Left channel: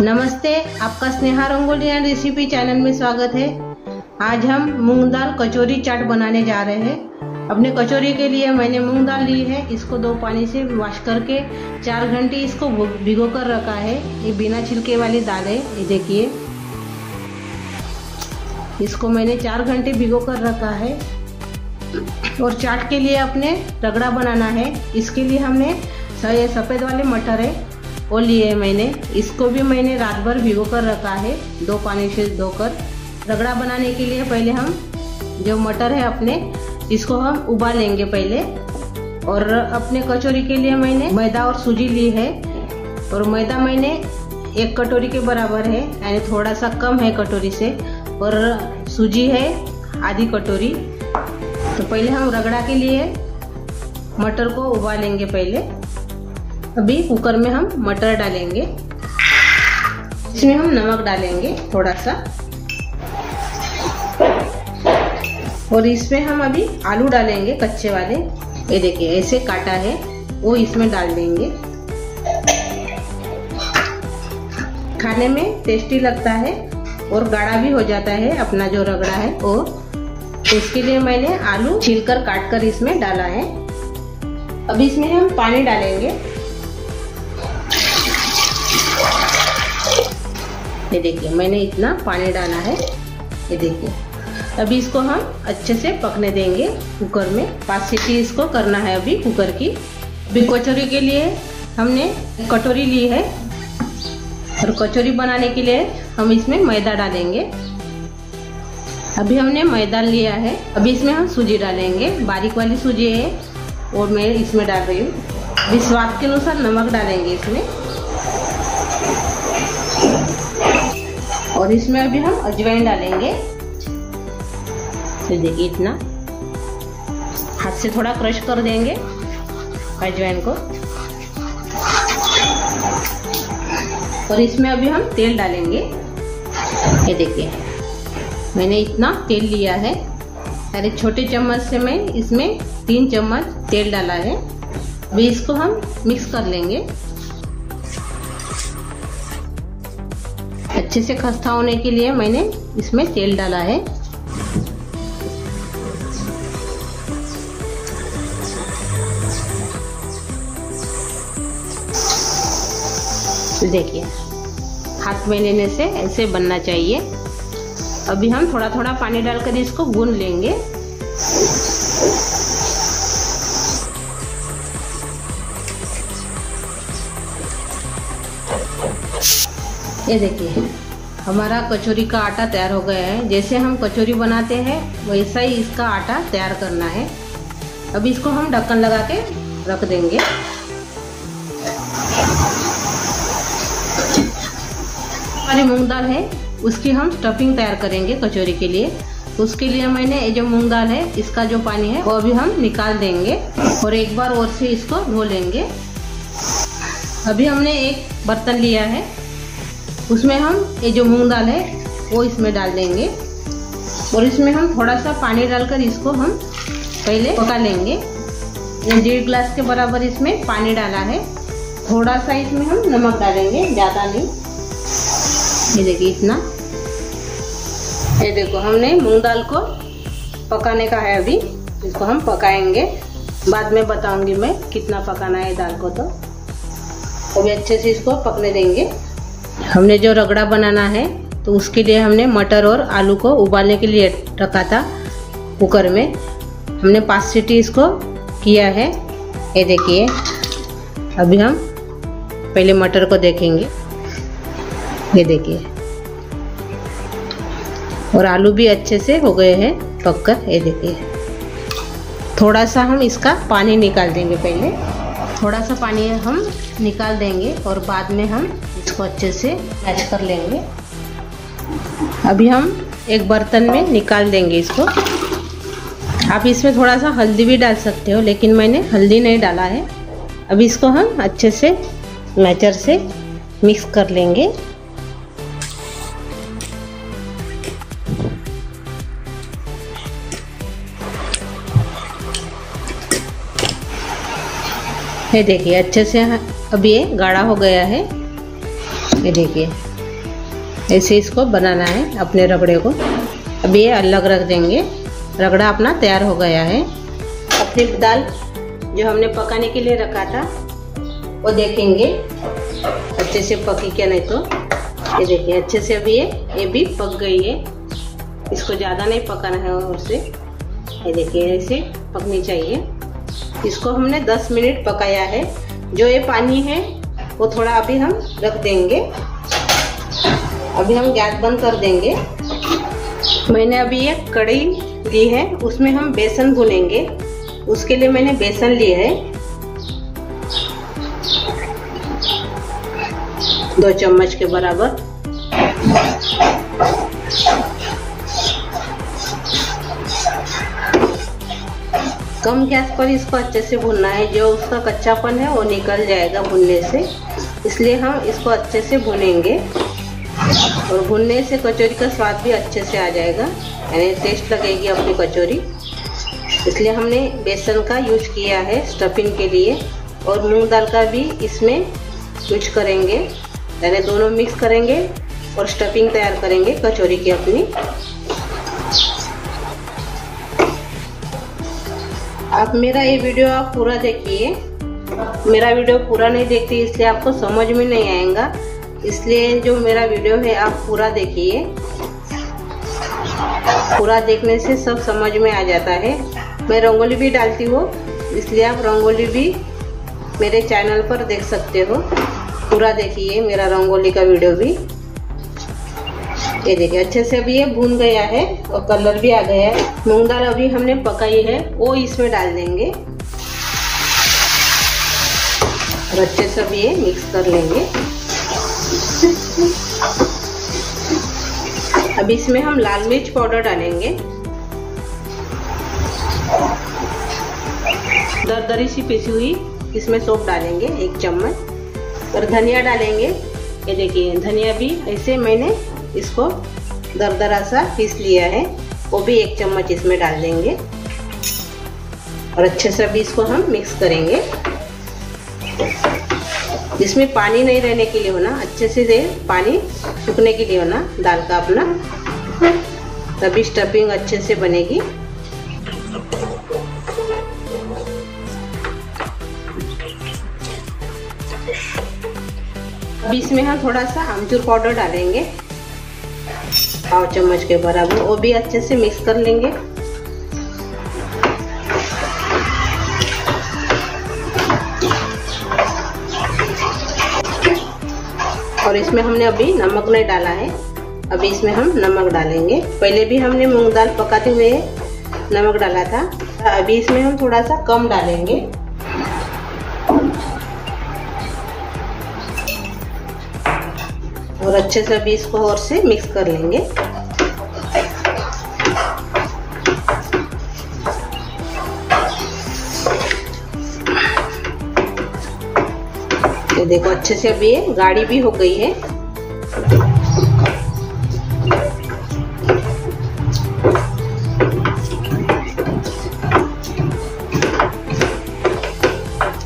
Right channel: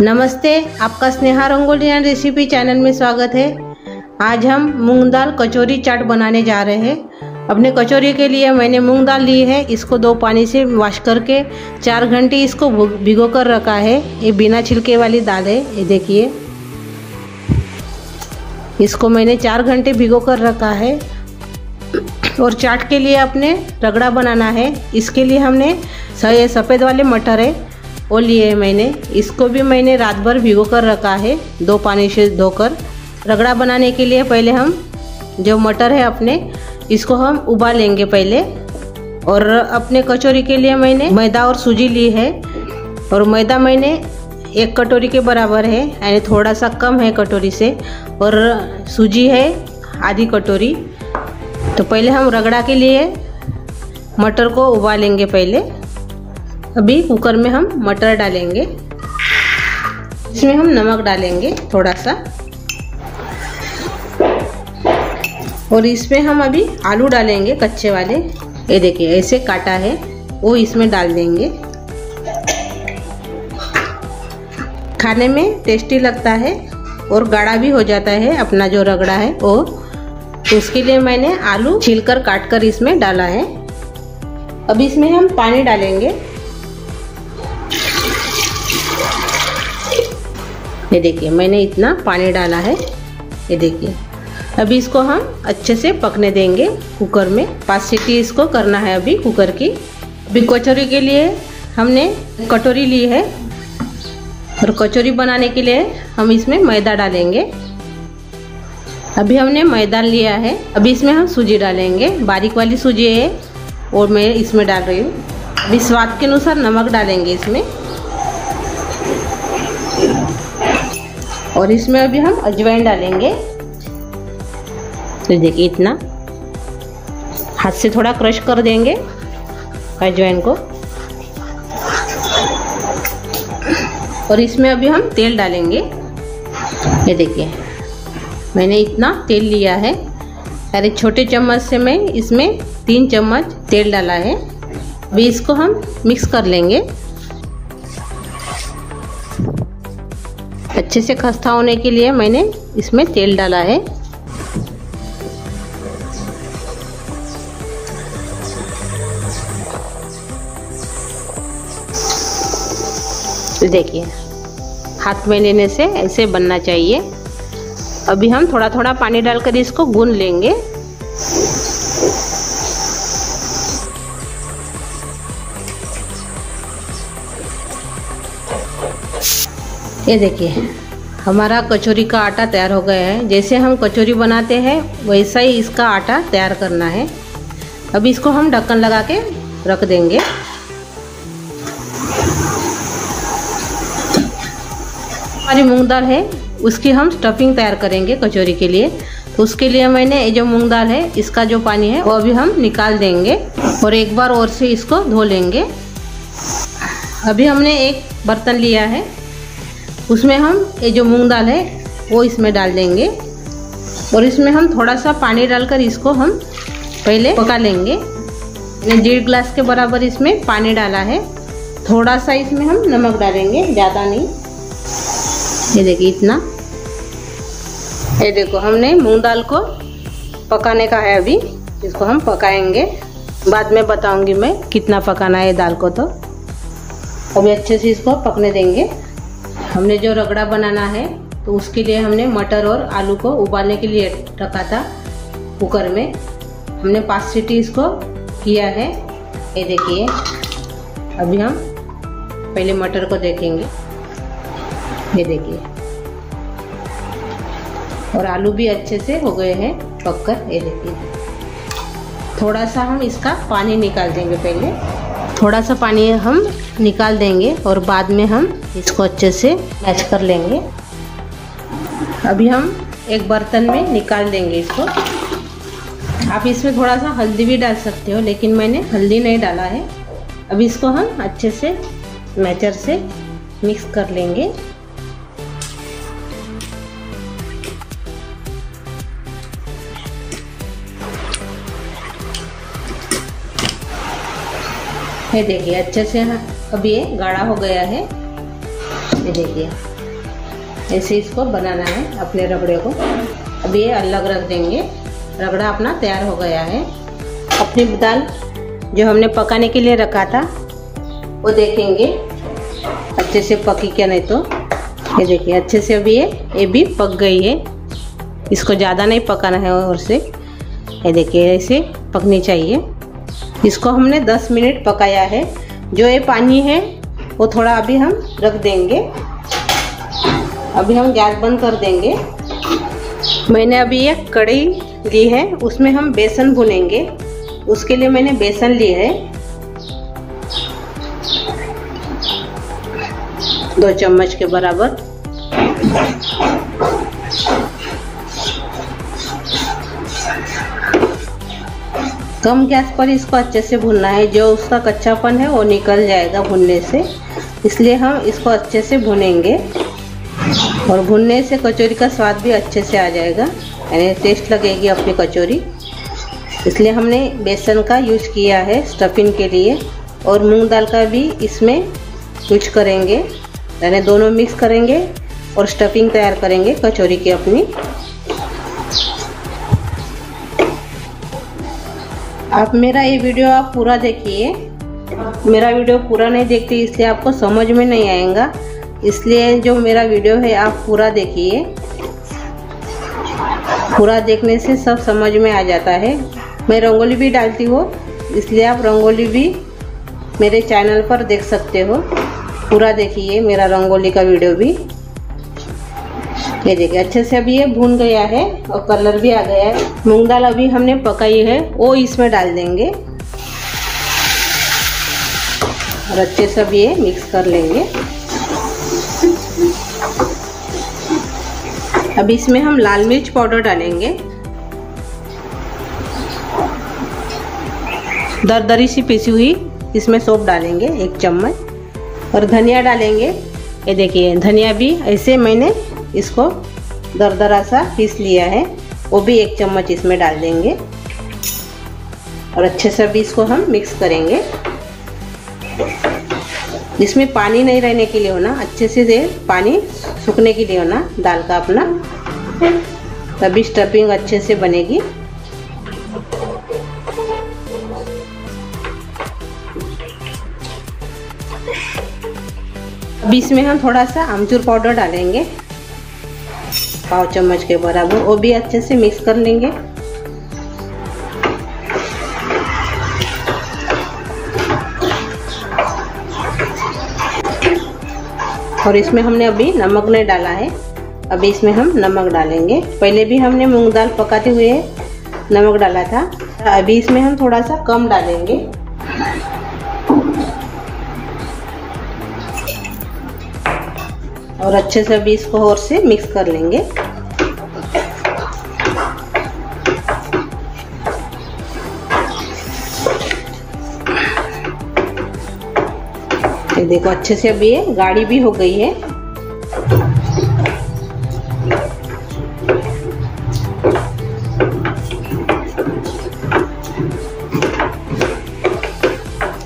नमस्ते, आपका Sneha rangoli and recipe channel में स्वागत है। आज हम मूंग दाल कचौरी चाट बनाने जा रहे हैं। अपने कचौरी के लिए मैंने मूंग दाल ली है। इसको 2 पानी से वॉश करके 4 घंटे इसको भिगो कर रखा है। ये बिना छिलके वाली दाल है। ये देखिए, इसको मैंने 4 घंटे भिगो कर रखा है। और चाट के लिए अपने रगड़ा बनाना है। इसके लिए हमने सफ़ेद वाले मटर है वो लिए है मैंने। इसको भी मैंने रात भर भिगो कर रखा है 2 पानी से धोकर। रगड़ा बनाने के लिए पहले हम जो मटर है अपने, इसको हम उबालेंगे पहले। और अपने कचौरी के लिए मैंने मैदा और सूजी ली है। और मैदा मैंने 1 कटोरी के बराबर है, यानी थोड़ा सा कम है कटोरी से। और सूजी है आधी कटोरी। तो पहले हम रगड़ा के लिए मटर को उबालेंगे पहले। अभी कुकर में हम मटर डालेंगे। इसमें हम नमक डालेंगे थोड़ा सा। और इसमें हम अभी आलू डालेंगे कच्चे वाले। ये देखिए, ऐसे काटा है वो इसमें डाल देंगे। खाने में टेस्टी लगता है और गाढ़ा भी हो जाता है अपना जो रगड़ा है वो। उसके लिए मैंने आलू छीलकर काट कर इसमें डाला है। अभी इसमें हम पानी डालेंगे। ये देखिए, मैंने इतना पानी डाला है। ये देखिए, अभी इसको हम अच्छे से पकने देंगे कुकर में। 5 सीटी इसको करना है अभी कुकर की। अभी कचौरी के लिए हमने कटोरी ली है। और कचौरी बनाने के लिए हम इसमें मैदा डालेंगे। अभी हमने मैदा लिया है। अभी इसमें हम सूजी डालेंगे। बारीक वाली सूजी है और मैं इसमें डाल रही हूँ। अभी स्वाद के अनुसार नमक डालेंगे इसमें। और इसमें अभी हम अजवाइन डालेंगे। तो देखिए, इतना हाथ से थोड़ा क्रश कर देंगे अजवाइन को। और इसमें अभी हम तेल डालेंगे। ये देखिए, मैंने इतना तेल लिया है। अरे छोटे चम्मच से मैं इसमें 3 चम्मच तेल डाला है। अभी इसको हम मिक्स कर लेंगे। अच्छे से खस्ता होने के लिए मैंने इसमें तेल डाला है। तो देखिए, हाथ में लेने से ऐसे बनना चाहिए। अभी हम थोड़ा थोड़ा पानी डालकर इसको गूंद लेंगे। ये देखिए, हमारा कचौरी का आटा तैयार हो गया है। जैसे हम कचौरी बनाते हैं वैसा ही इसका आटा तैयार करना है। अभी इसको हम ढक्कन लगा के रख देंगे। हमारी मूंग दाल है उसकी हम स्टफिंग तैयार करेंगे कचौरी के लिए। तो उसके लिए मैंने ये जो मूंग दाल है इसका जो पानी है वो अभी हम निकाल देंगे। और एक बार और से इसको धो लेंगे। अभी हमने एक बर्तन लिया है, उसमें हम ये जो मूंग दाल है वो इसमें डाल देंगे। और इसमें हम थोड़ा सा पानी डालकर इसको हम पहले पका लेंगे। 1.5 गिलास के बराबर इसमें पानी डाला है। थोड़ा सा इसमें हम नमक डालेंगे, ज़्यादा नहीं। ये देखिए, इतना। ये देखो, हमने मूंग दाल को पकाने का है। अभी इसको हम पकाएंगे। बाद में बताऊंगी मैं कितना पकाना है दाल को। तो अभी अच्छे से इसको पकने देंगे। हमने जो रगड़ा बनाना है तो उसके लिए हमने मटर और आलू को उबालने के लिए रखा था कुकर में। हमने 5 सीटी इसको किया है। ये देखिए, अभी हम पहले मटर को देखेंगे। ये देखिए, और आलू भी अच्छे से हो गए हैं पककर। ये देखिए, थोड़ा सा हम इसका पानी निकाल देंगे पहले। थोड़ा सा पानी हम निकाल देंगे और बाद में हम इसको अच्छे से मैश कर लेंगे। अभी हम एक बर्तन में निकाल देंगे इसको। आप इसमें थोड़ा सा हल्दी भी डाल सकते हो, लेकिन मैंने हल्दी नहीं डाला है। अभी इसको हम अच्छे से मैचर से मिक्स कर लेंगे। ये देखिए, अच्छे से अभी ये गाढ़ा हो गया है। ये देखिए ऐसे इसको बनाना है अपने रगड़े को। अब ये अलग रख देंगे। रगड़ा अपना तैयार हो गया है। अपनी दाल जो हमने पकाने के लिए रखा था वो देखेंगे अच्छे से पकी क्या, नहीं तो ये देखिए अच्छे से अभी ये भी पक गई है। इसको ज़्यादा नहीं पकाना है और से ये देखिए ऐसे पकनी चाहिए। इसको हमने 10 मिनट पकाया है। जो ये पानी है वो थोड़ा अभी हम रख देंगे। अभी हम गैस बंद कर देंगे। मैंने अभी एक कढ़ाई ली है, उसमें हम बेसन भूनेंगे। उसके लिए मैंने बेसन लिया है 2 चम्मच के बराबर। कम गैस पर इसको अच्छे से भूनना है। जो उसका कच्चापन है वो निकल जाएगा भूनने से, इसलिए हम इसको अच्छे से भूनेंगे। और भुनने से कचौरी का स्वाद भी अच्छे से आ जाएगा, यानी टेस्ट लगेगी अपनी कचौरी। इसलिए हमने बेसन का यूज किया है स्टफिंग के लिए, और मूंग दाल का भी इसमें यूज करेंगे, यानी दोनों मिक्स करेंगे और स्टफिंग तैयार करेंगे कचौरी की अपनी। आप मेरा ये वीडियो आप पूरा देखिए। मेरा वीडियो पूरा नहीं देखते इसलिए आपको समझ में नहीं आएगा, इसलिए जो मेरा वीडियो है आप पूरा देखिए। पूरा देखने से सब समझ में आ जाता है। मैं रंगोली भी डालती हूँ, इसलिए आप रंगोली भी मेरे चैनल पर देख सकते हो। पूरा देखिए मेरा रंगोली का वीडियो भी। ये देखिए अच्छे से अभी ये भून गया है और कलर भी आ गया है। मूंग दाल अभी हमने पकाई है वो इसमें डाल देंगे और अच्छे से अभी ये मिक्स कर लेंगे। अब इसमें हम लाल मिर्च पाउडर डालेंगे, दरदरी सी पीसी हुई इसमें सौंफ डालेंगे 1 चम्मच, और धनिया डालेंगे। ये देखिए धनिया भी ऐसे मैंने इसको दरदरा सा पीस लिया है, वो भी 1 चम्मच इसमें डाल देंगे और अच्छे से अभी इसको हम मिक्स करेंगे। इसमें पानी नहीं रहने के लिए होना, अच्छे से पानी सूखने के लिए होना दाल का अपना, तभी स्टफिंग अच्छे से बनेगी। अब इसमें हम थोड़ा सा आमचूर पाउडर डालेंगे 1/2 चम्मच के बराबर, वो भी अच्छे से मिक्स कर लेंगे। और इसमें हमने अभी नमक नहीं डाला है, अभी इसमें हम नमक डालेंगे। पहले भी हमने मूंग दाल पकाते हुए नमक डाला था, अभी इसमें हम थोड़ा सा कम डालेंगे। और अच्छे से अभी इसको और से मिक्स कर लेंगे। ये देखो अच्छे से अभी ये गाढ़ी भी हो गई है।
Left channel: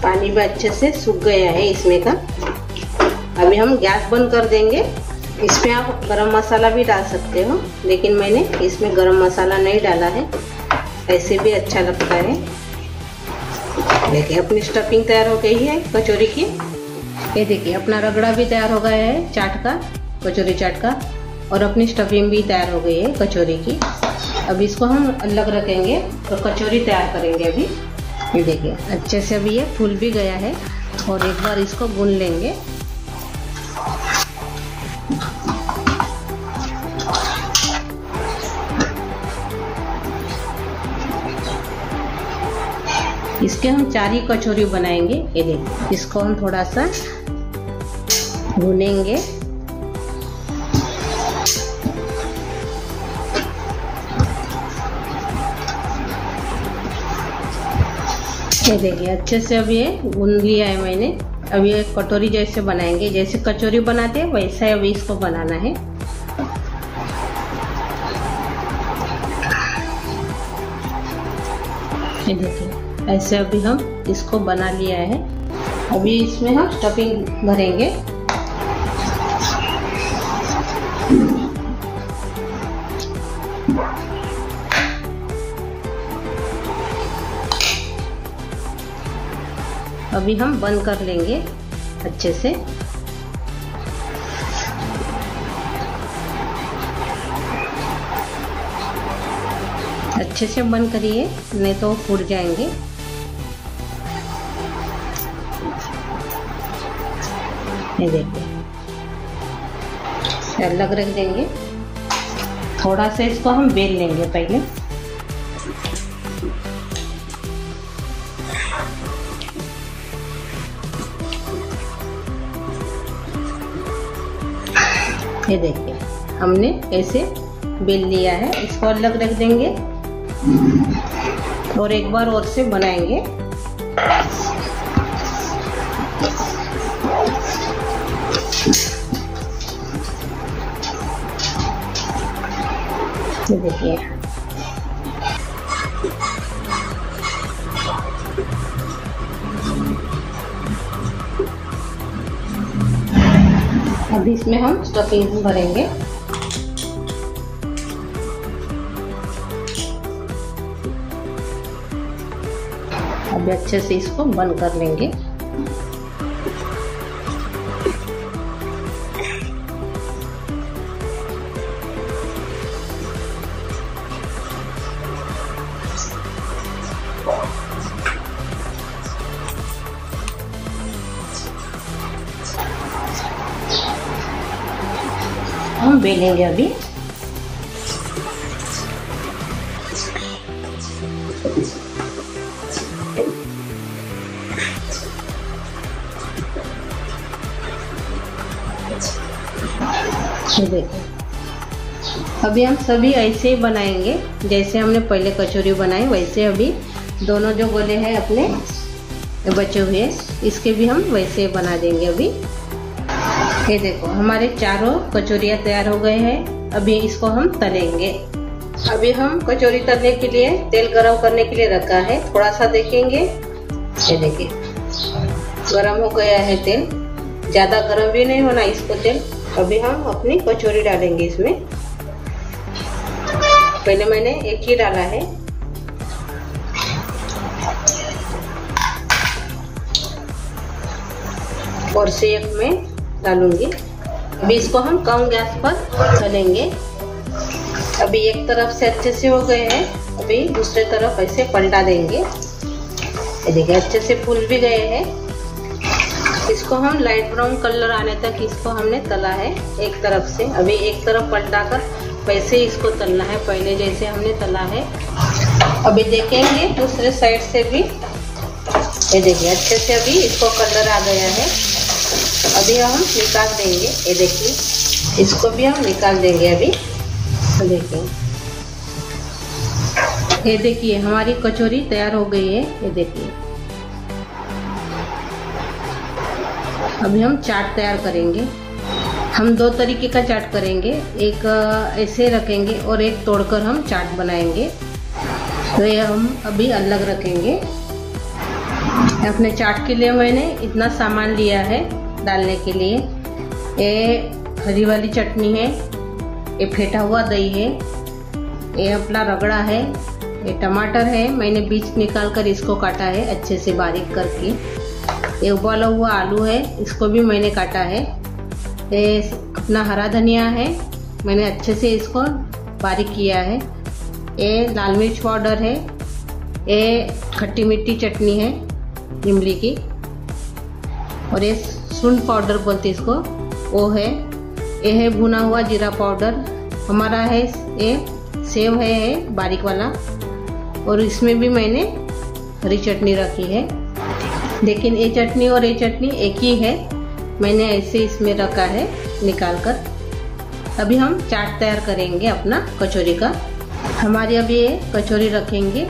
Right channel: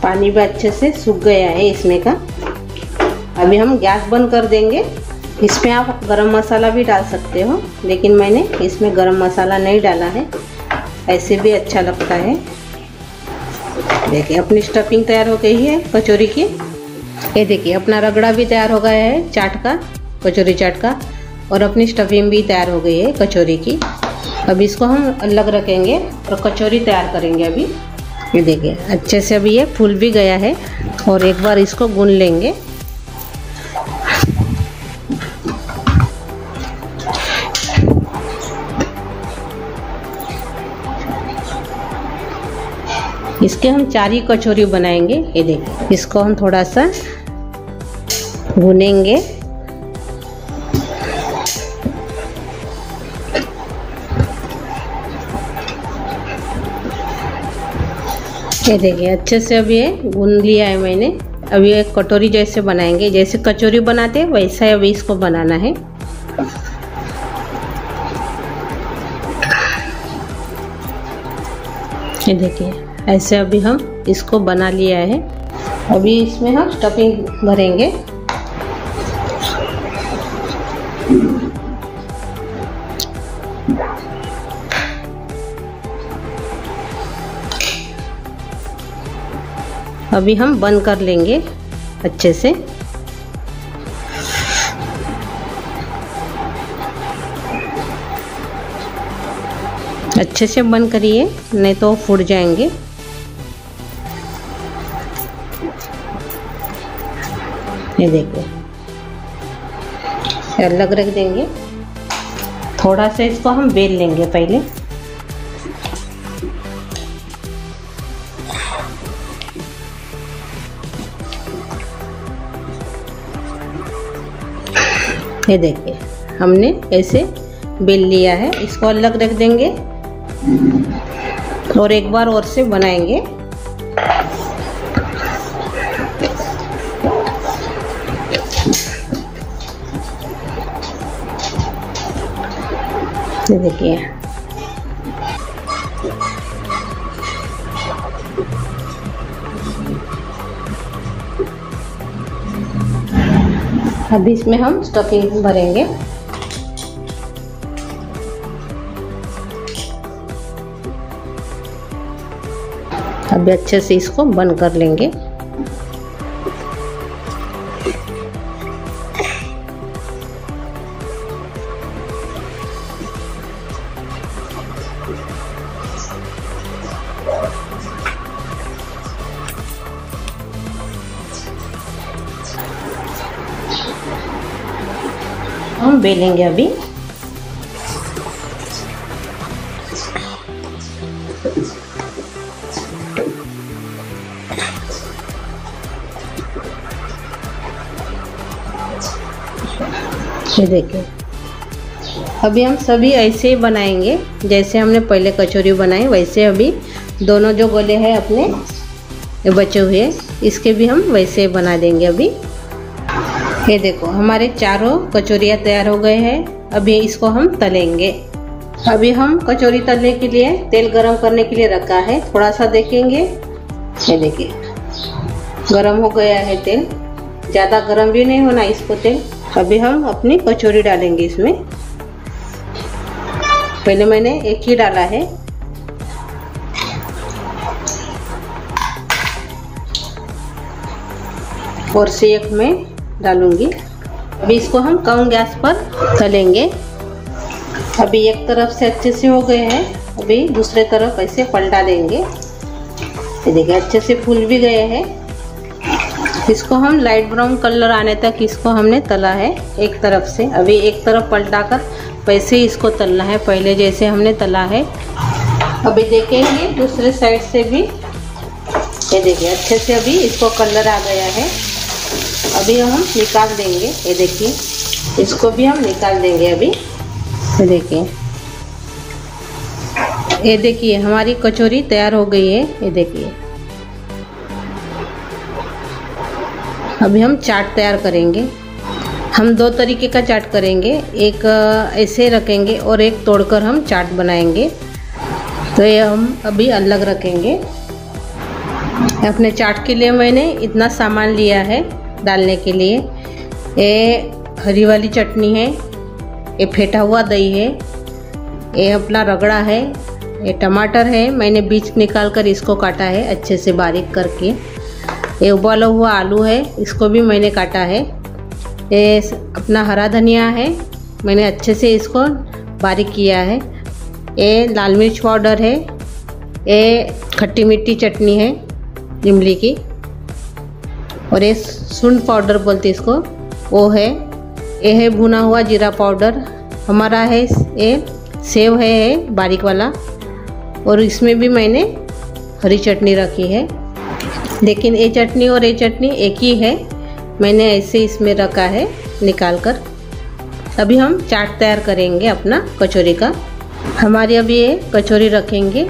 पानी भी अच्छे से सूख गया है इसमें का। अभी हम गैस बंद कर देंगे। इसमें आप गरम मसाला भी डाल सकते हो, लेकिन मैंने इसमें गरम मसाला नहीं डाला है, ऐसे भी अच्छा लगता है। देखिए अपनी स्टफिंग तैयार हो गई है कचौरी की। ये देखिए अपना रगड़ा भी तैयार हो गया है चाट का, कचौरी चाट का, और अपनी स्टफिंग भी तैयार हो गई है कचौरी की। अब इसको हम अलग रखेंगे और कचौरी तैयार करेंगे। अभी ये देखिए अच्छे से अभी ये फूल भी गया है, और एक बार इसको गूंद लेंगे। इसके हम 4 ही कचौरी बनाएंगे। ये देखिए इसको हम थोड़ा सा भूनेंगे। ये देखिए अच्छे से अभी ये भून लिया है मैंने। अभी एक कटोरी जैसे बनाएंगे, जैसे कचौरी बनाते हैं वैसा ही अभी इसको बनाना है। ये देखिए ऐसे अभी हम इसको बना लिया है। अभी इसमें हम स्टफिंग भरेंगे। अभी हम बंद कर लेंगे अच्छे से। अच्छे से बंद करिए, नहीं तो फूट जाएंगे। ये देखिए, अलग रख देंगे। थोड़ा सा इसको हम बेल लेंगे पहले। ये देखिए, हमने ऐसे बेल लिया है। इसको अलग रख देंगे और एक बार और से बनाएंगे। ये देखिए, अभी इसमें हम स्टफिंग भरेंगे। अभी अच्छे से इसको बंद कर लेंगे। हम बेलेंगे अभी। ये देखिए, अभी हम सभी ऐसे ही बनाएंगे जैसे हमने पहले कचौरी बनाई, वैसे अभी दोनों जो गोले हैं अपने बचे हुए, इसके भी हम वैसे ही बना देंगे अभी। ये देखो, हमारे चारों कचौरियाँ तैयार हो गए हैं। अभी इसको हम तलेंगे। अभी हम कचौरी तलने के लिए तेल गरम करने के लिए रखा है। थोड़ा सा देखेंगे, ये देखिए गरम हो गया है तेल। ज़्यादा गरम भी नहीं होना इसको तेल। अभी हम अपनी कचौरी डालेंगे इसमें। पहले मैंने एक ही डाला है। और से एक मैं डालूंगी। अभी इसको हम कम गैस पर तलेंगे। अभी एक तरफ से अच्छे से हो गए हैं, अभी दूसरे तरफ ऐसे पलटा देंगे। ये देखिए, अच्छे से फूल भी गए हैं। इसको हम लाइट ब्राउन कलर आने तक इसको हमने तला है एक तरफ से। अभी एक तरफ पलटा कर वैसे ही इसको तलना है, पहले जैसे हमने तला है। अभी देखेंगे दूसरे साइड से भी। ये देखिए, अच्छे से अभी इसको कलर आ गया है। अभी हम निकाल देंगे। ये देखिए, इसको भी हम निकाल देंगे अभी। ये देखिए, हमारी कचौरी तैयार हो गई है। ये देखिए, अभी हम चाट तैयार करेंगे। हम दो तरीके का चाट करेंगे, एक ऐसे रखेंगे और एक तोड़कर हम चाट बनाएंगे। तो ये हम अभी अलग रखेंगे। अपने चाट के लिए मैंने इतना सामान लिया है डालने के लिए। ये हरी वाली चटनी है, ये फेटा हुआ दही है, ये अपना रगड़ा है, ये टमाटर है, मैंने बीज निकाल कर इसको काटा है अच्छे से बारीक करके। ये उबाला हुआ आलू है, इसको भी मैंने काटा है। ये अपना हरा धनिया है, मैंने अच्छे से इसको बारीक किया है। ये लाल मिर्च पाउडर है, ये खट्टी मीठी चटनी है इमली की, और ये सूंठ पाउडर बोलते इसको, वो है। ये है भुना हुआ जीरा पाउडर हमारा है। ये सेव है बारीक वाला, और इसमें भी मैंने हरी चटनी रखी है। लेकिन ये चटनी और ये चटनी एक ही है, मैंने ऐसे इसमें रखा है निकाल कर। अभी हम चाट तैयार करेंगे अपना कचौरी का। हमारी अभी ये कचौरी रखेंगे,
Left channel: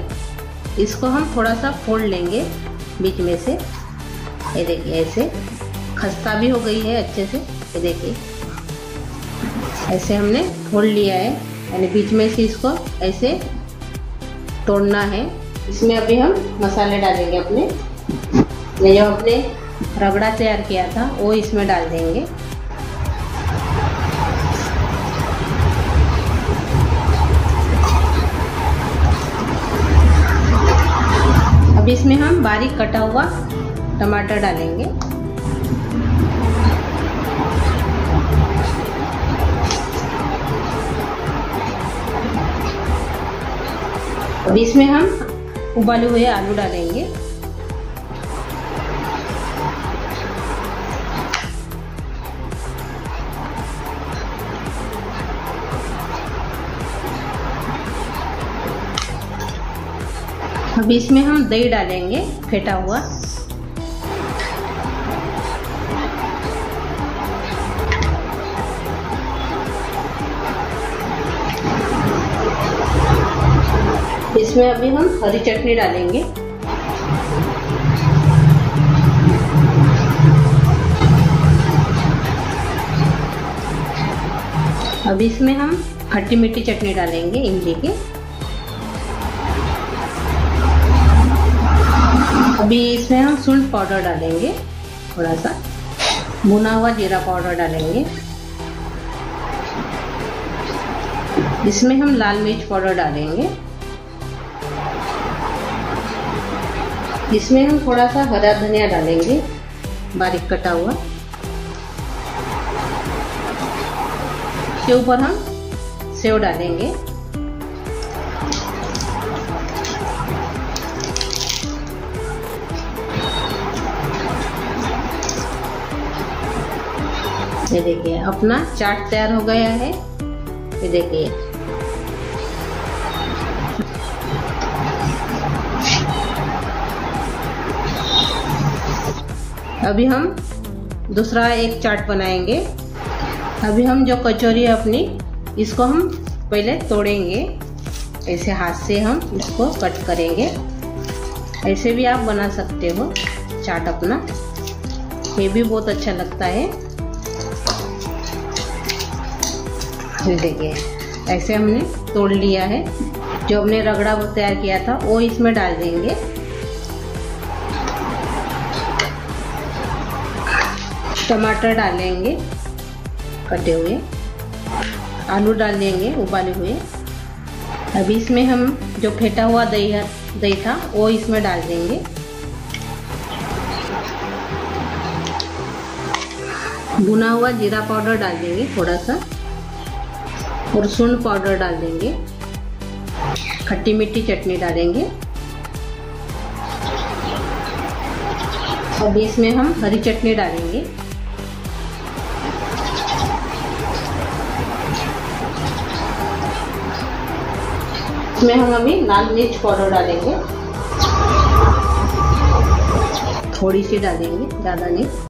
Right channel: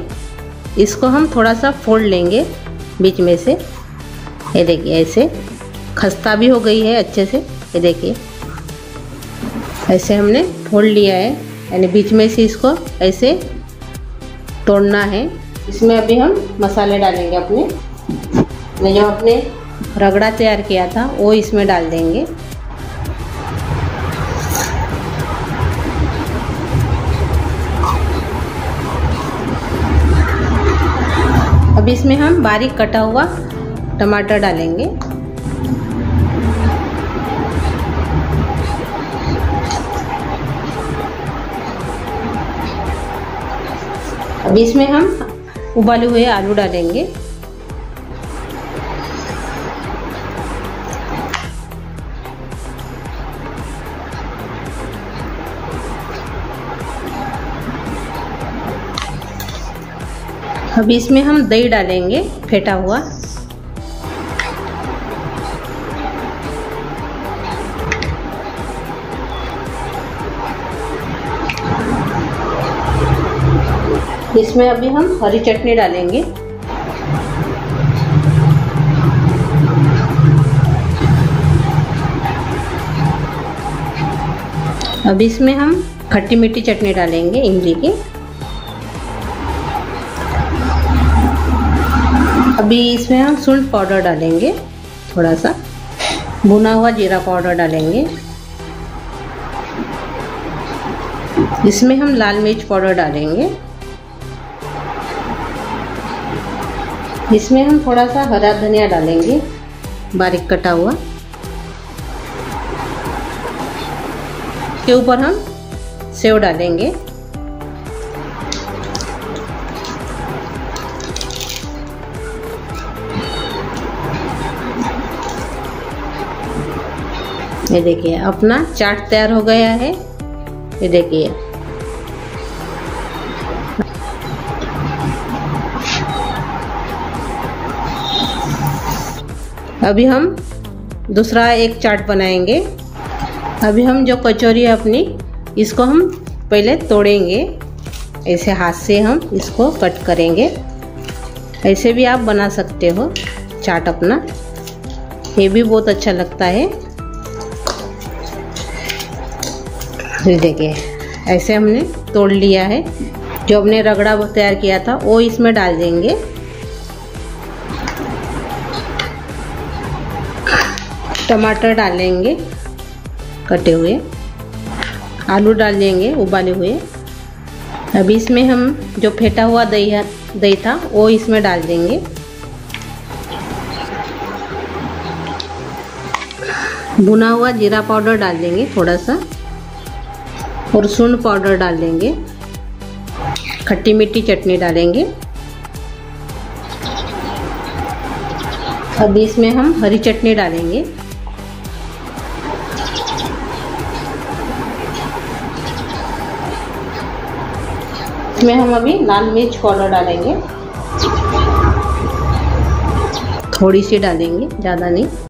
इसको हम थोड़ा सा फोल्ड लेंगे बीच में से। ये देखिए, ऐसे खस्ता भी हो गई है अच्छे से। ये देखिए, ऐसे हमने फोल्ड लिया है, यानी बीच में से इसको ऐसे तोड़ना है। इसमें अभी हम मसाले डालेंगे अपने। मैंने जो अपने रगड़ा तैयार किया था वो इसमें डाल देंगे। अब इसमें हम बारीक कटा हुआ टमाटर डालेंगे। अब इसमें हम उबाले हुए आलू डालेंगे। अब इसमें हम दही डालेंगे फेंटा हुआ। इसमें अभी हम हरी चटनी डालेंगे। अब इसमें हम खट्टी मीठी चटनी डालेंगे इमली की। अभी इसमें हम सूंठ पाउडर डालेंगे, थोड़ा सा भुना हुआ जीरा पाउडर डालेंगे। इसमें हम लाल मिर्च पाउडर डालेंगे। इसमें हम थोड़ा सा हरा धनिया डालेंगे बारीक कटा हुआ। के ऊपर हम सेव डालेंगे। ये देखिए अपना चाट तैयार हो गया है। ये देखिए अभी हम दूसरा एक चाट बनाएंगे। अभी हम जो कचौरी है अपनी, इसको हम पहले तोड़ेंगे। ऐसे हाथ से हम इसको कट करेंगे। ऐसे भी आप बना सकते हो चाट अपना, ये भी बहुत अच्छा लगता है। ये देखिए ऐसे हमने तोड़ लिया है। जो हमने रगड़ा तैयार किया था वो इसमें डाल देंगे। टमाटर डालेंगे कटे हुए, आलू डाल देंगे उबाले हुए। अभी इसमें हम जो फेंटा हुआ दही था वो इसमें डाल देंगे। भुना हुआ जीरा पाउडर डाल देंगे थोड़ा सा, और सूंठ पाउडर डाल देंगे। खट्टी मीठी चटनी डालेंगे। अब इसमें हम हरी चटनी डालेंगे। इसमें हम अभी लाल मिर्च पाउडर डालेंगे, थोड़ी सी डालेंगे, ज़्यादा नहीं।